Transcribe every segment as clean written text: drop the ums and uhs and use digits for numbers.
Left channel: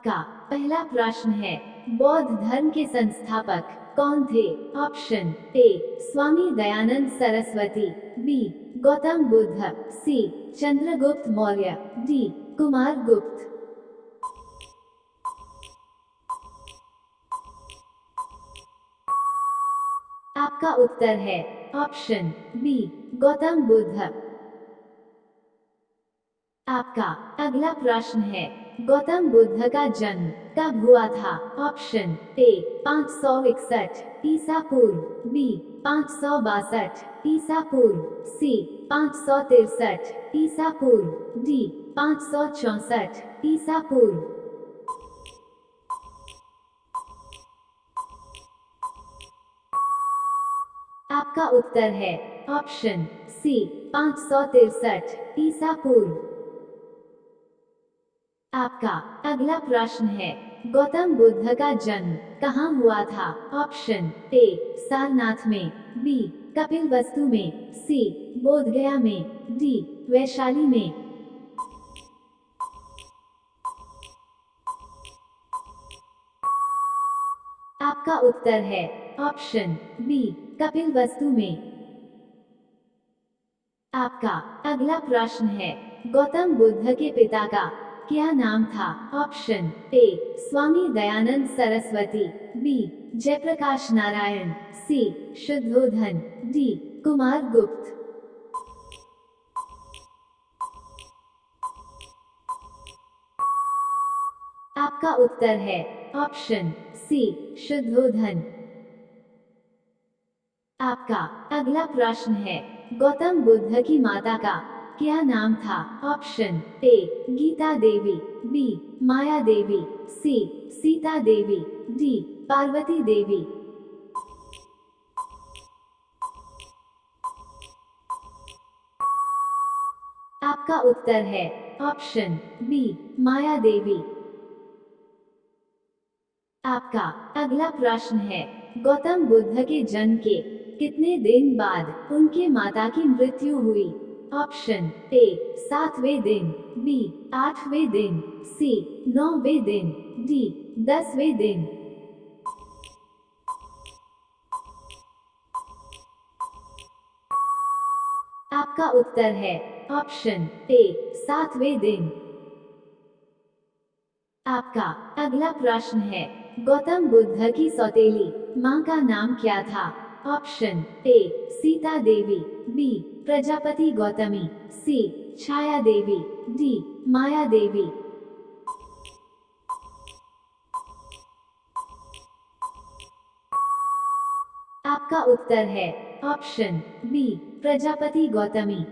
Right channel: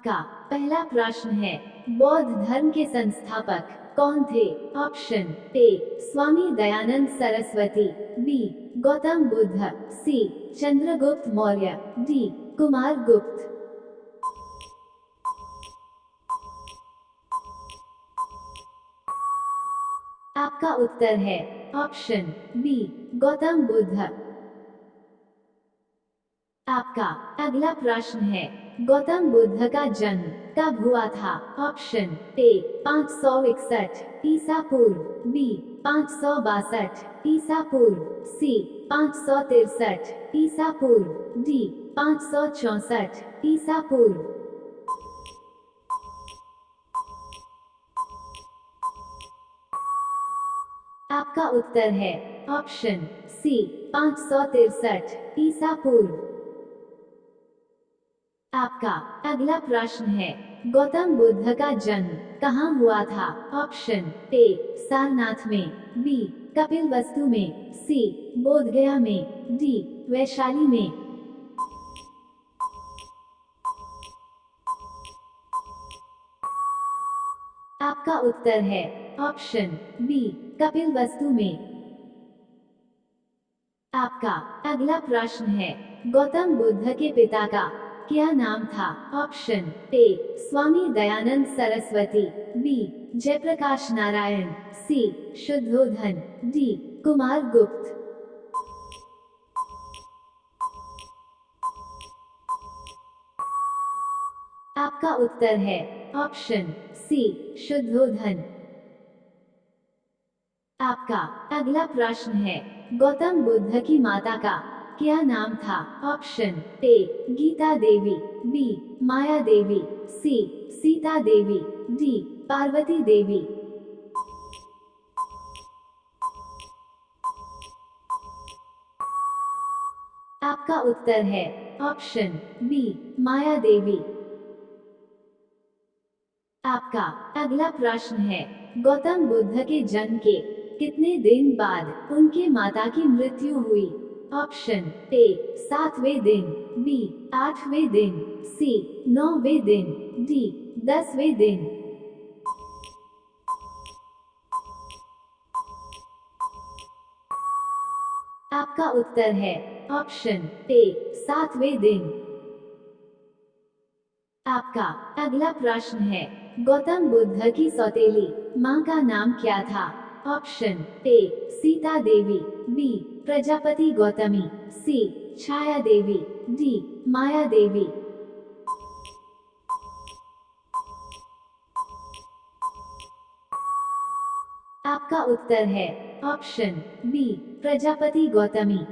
आपका पहला प्रश्न है, बौद्ध धर्म के संस्थापक कौन थे? Option A Swami Dayanand Saraswati, B Gautam Buddha, C Chandragupta Maurya, D Kumar Gupta. आपका उत्तर है ऑप्शन बी गौतम बुद्ध। आपका अगला प्रश्न है, गौतम बुद्ध का जन्म कब हुआ था? ऑप्शन ए 561 ईसा पूर्व, बी 562 ईसा पूर्व, सी 563 ईसा पूर्व, डी 564 ईसा पूर्व। आपका उत्तर है ऑप्शन सी 563 ईसा पूर्व। आपका अगला प्रश्न है, गौतम बुद्ध का जन्म कहाँ हुआ था? ऑप्शन ए सारनाथ में, बी कपिलवस्तु में, सी बोधगया में, डी वैशाली में। आपका उत्तर है ऑप्शन बी कपिलवस्तु में। आपका अगला प्रश्न है, गौतम बुद्ध के पिता का क्या नाम था? Option A Swami Dayanand Saraswati, B Jayaprakash Narayan, C Shuddhodana, D Kumar Gupta. आपका उत्तर है ऑप्शन सी शुद्धोधन। आपका अगला प्रश्न है, गौतम बुद्ध की माता का क्या नाम था? Option A Gita Devi, B Maya Devi, C Sita Devi, D Parvati Devi. आपका उत्तर है ऑप्शन बी माया देवी। आपका अगला प्रश्न है, गौतम बुद्ध के जन्म के कितने दिन बाद उनके माता की मृत्यु हुई? ऑप्शन ए 7वें दिन, बी 8वें दिन, सी 9वें दिन, डी 10वें दिन। आपका उत्तर है ऑप्शन ए 7वें दिन। आपका अगला प्रश्न है, गौतम बुद्ध की सौतेली मां का नाम क्या था? Option A Sita Devi, B Prajapati Gautami, C Chhaya Devi, D Maya Devi. आपका उत्तर है ऑप्शन बी प्रजापति गौतमी।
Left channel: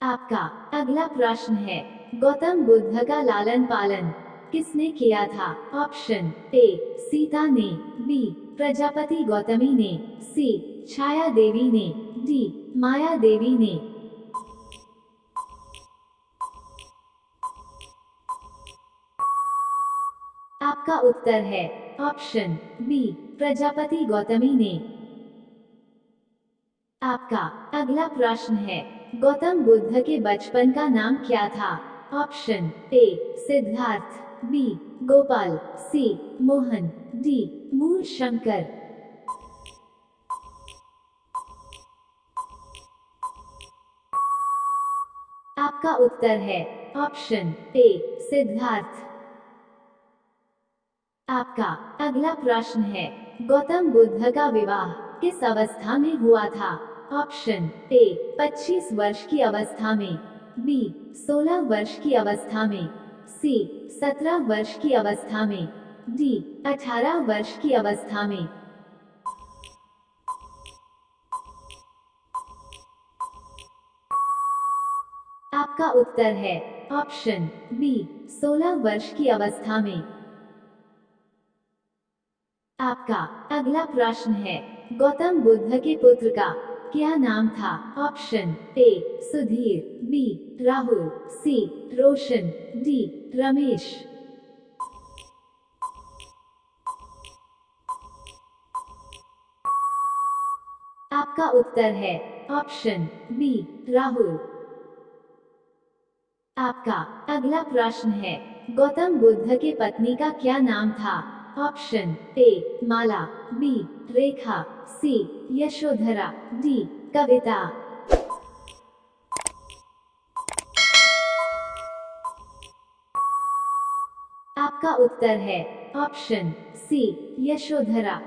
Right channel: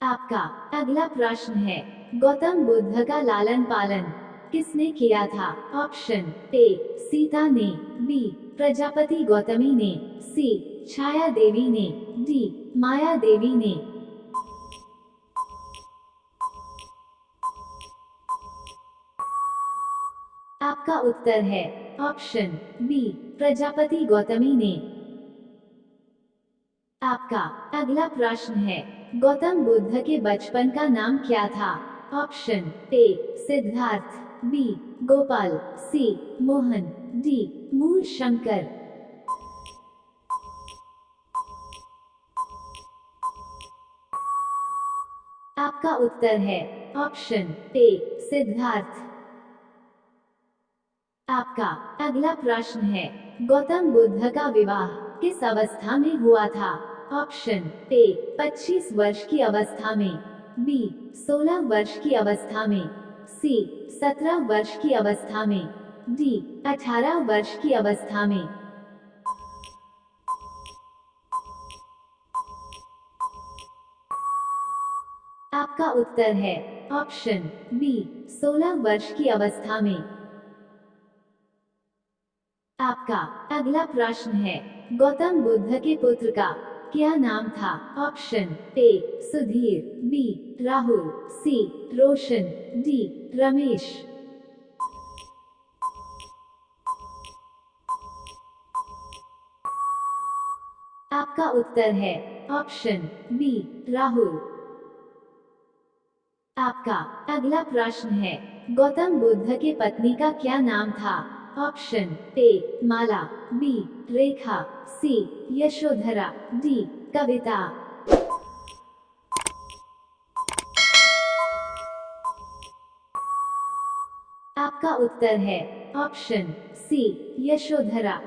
आपका अगला प्रश्न है, गौतम बुद्ध का लालन पालन किसने किया था? ऑप्शन ए सीता ने, बी प्रजापति गौतमी ने, सी छाया देवी ने, डी माया देवी ने। आपका उत्तर है ऑप्शन बी प्रजापति गौतमी ने। आपका अगला प्रश्न है, गौतम बुद्ध के बचपन का नाम क्या था? Option A Siddhartha, B Gopal, C Mohan, D Mool Shankar. आपका उत्तर है ऑप्शन ए सिद्धार्थ। आपका अगला प्रश्न है, गौतम बुद्ध का विवाह किस अवस्था में हुआ था? ऑप्शन ए 25 वर्ष की अवस्था में, बी 16 वर्ष की अवस्था में, सी 17 वर्ष की अवस्था में, डी 18 वर्ष की अवस्था में। आपका उत्तर है ऑप्शन बी 16 वर्ष की अवस्था में। आपका अगला प्रश्न है, गौतम बुद्ध के पुत्र का क्या नाम था? Option A Sudhir, B Rahul, C Roshan, D Ramesh. आपका उत्तर है ऑप्शन बी राहुल। आपका अगला प्रश्न है, गौतम बुद्ध के पत्नी का क्या नाम था? Option A Mala, B Rekha, C Yashodhara, D Kavita. आपका उत्तर है ऑप्शन सी यशोधरा।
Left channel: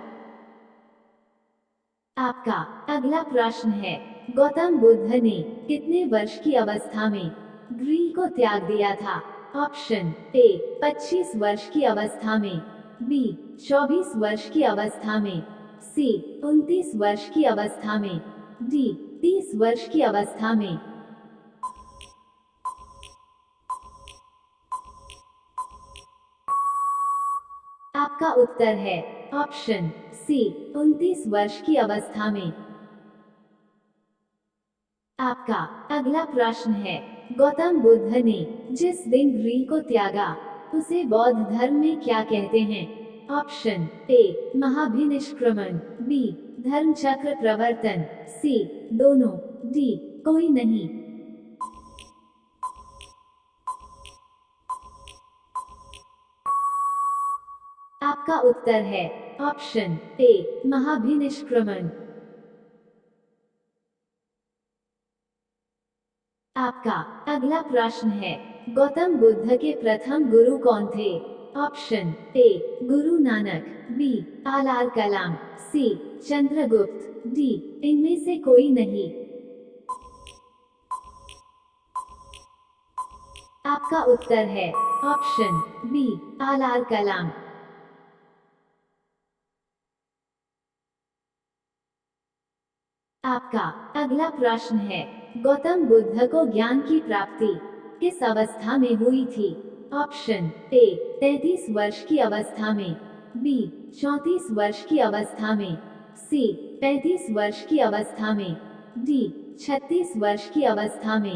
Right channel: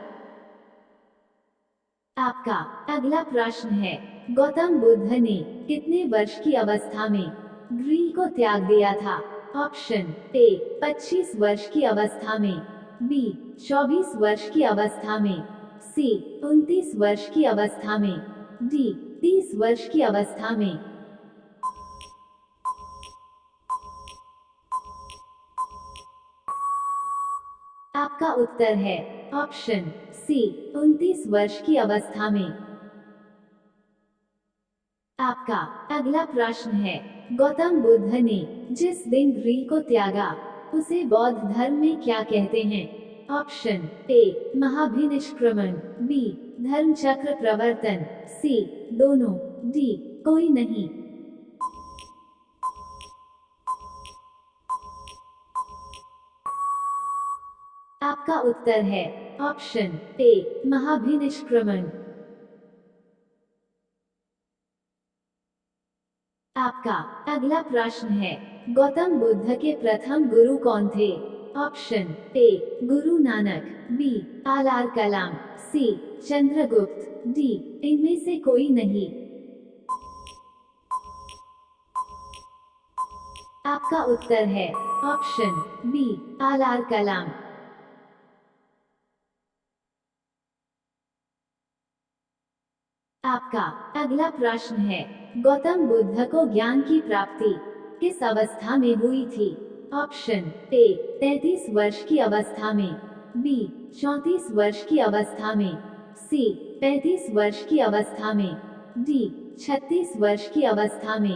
आपका अगला प्रश्न है, गौतम बुद्ध ने कितने वर्ष की अवस्था में गृह को त्याग दिया था? ऑप्शन ए 25 वर्ष की अवस्था में, बी 24 वर्ष की अवस्था में, सी 29 वर्ष की अवस्था में, डी 30 वर्ष की अवस्था में। आपका उत्तर है ऑप्शन सी 29 वर्ष की अवस्था में। आपका अगला प्रश्न है, गौतम बुद्ध ने जिस दिन गृह को त्यागा उसे बौद्ध धर्म में क्या कहते हैं? ऑप्शन ए महाभिनिष्क्रमण, बी धर्म चक्र प्रवर्तन, सी दोनों, डी कोई नहीं। आपका उत्तर है ऑप्शन ए महाभिनिष्क्रमण। आपका अगला प्रश्न है, गौतम बुद्ध के प्रथम गुरु कौन थे? ऑप्शन ए गुरु नानक, बी आलार कलाम, सी चंद्रगुप्त, डी इनमें से कोई नहीं। आपका उत्तर है ऑप्शन बी आलार कलाम। आपका अगला प्रश्न है, गौतम बुद्ध को ज्ञान की प्राप्ति किस अवस्था में हुई थी? ऑप्शन ए 33 वर्ष की अवस्था में, बी 34 वर्ष की अवस्था में, सी 35 वर्ष की अवस्था में, डी 36 वर्ष की अवस्था में।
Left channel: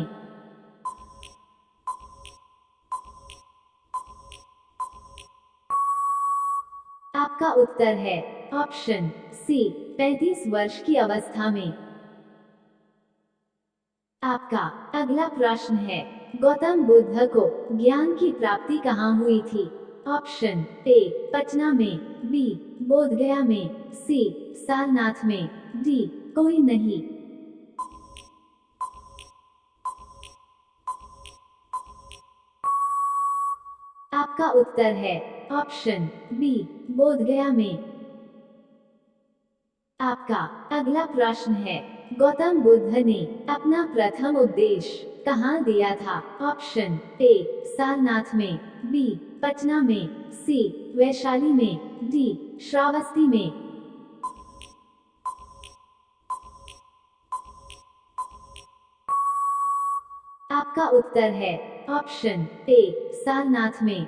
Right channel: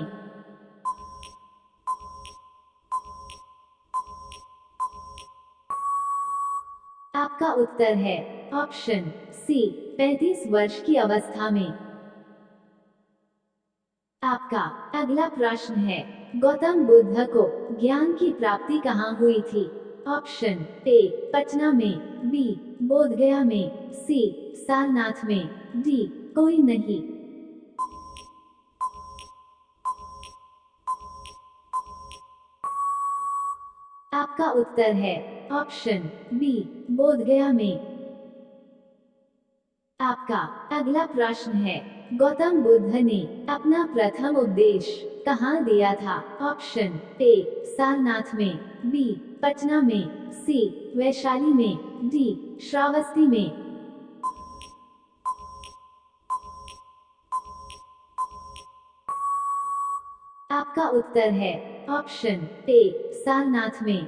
आपका उत्तर है ऑप्शन सी 35 वर्ष की अवस्था में। आपका अगला प्रश्न है, गौतम बुद्ध को ज्ञान की प्राप्ति कहाँ हुई थी? ऑप्शन ए पटना में, बी बोधगया में, सी सारनाथ में, डी कोई नहीं। आपका उत्तर है ऑप्शन बी बोधगया में। आपका अगला प्रश्न है, गौतम बुद्ध ने अपना प्रथम उपदेश कहाँ दिया था? ऑप्शन ए सारनाथ में, बी पटना में, सी वैशाली में, डी श्रावस्ती में। आपका उत्तर है ऑप्शन ए सारनाथ में।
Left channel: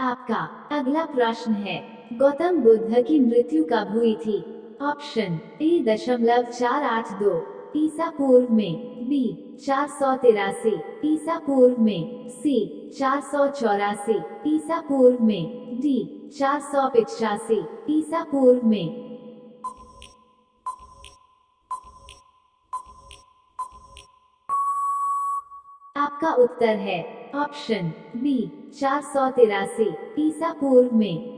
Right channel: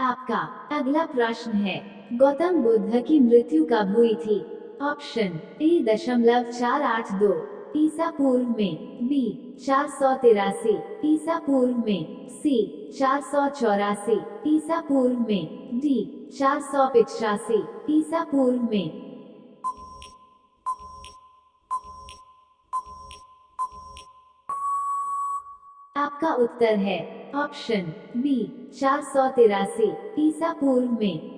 आपका अगला प्रश्न है, गौतम बुद्ध की मृत्यु कब हुई थी? ऑप्शन ए 0.482 ईसा पूर्व में, बी 483 ईसा पूर्व में, सी 484 ईसा पूर्व में, डी 485 ईसा पूर्व में। आपका उत्तर है ऑप्शन बी 483 ईसा पूर्व में।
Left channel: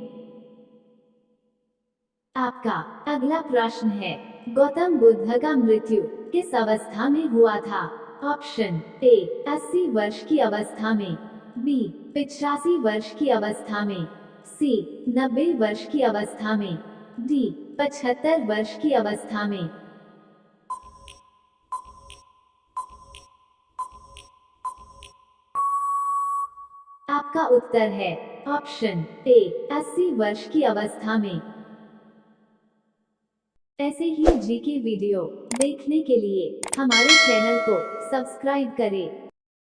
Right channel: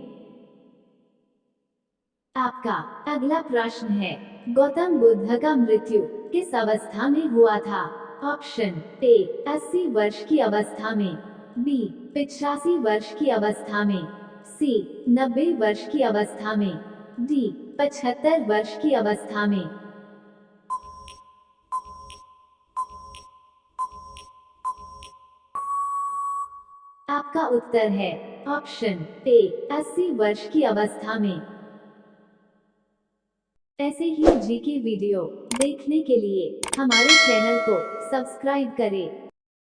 आपका अगला प्रश्न है, गौतम बुद्ध का मृत्यु किस अवस्था में हुआ था? ऑप्शन ए 80 वर्ष की अवस्था में, बी 85 वर्ष की अवस्था में, सी 90 वर्ष की अवस्था में, डी 75 वर्ष की अवस्था में। आपका उत्तर है ऑप्शन ए 80 वर्ष की अवस्था में। ऐसे ही जीके वीडियो देखने के लिए हमारे चैनल को सब्सक्राइब करें।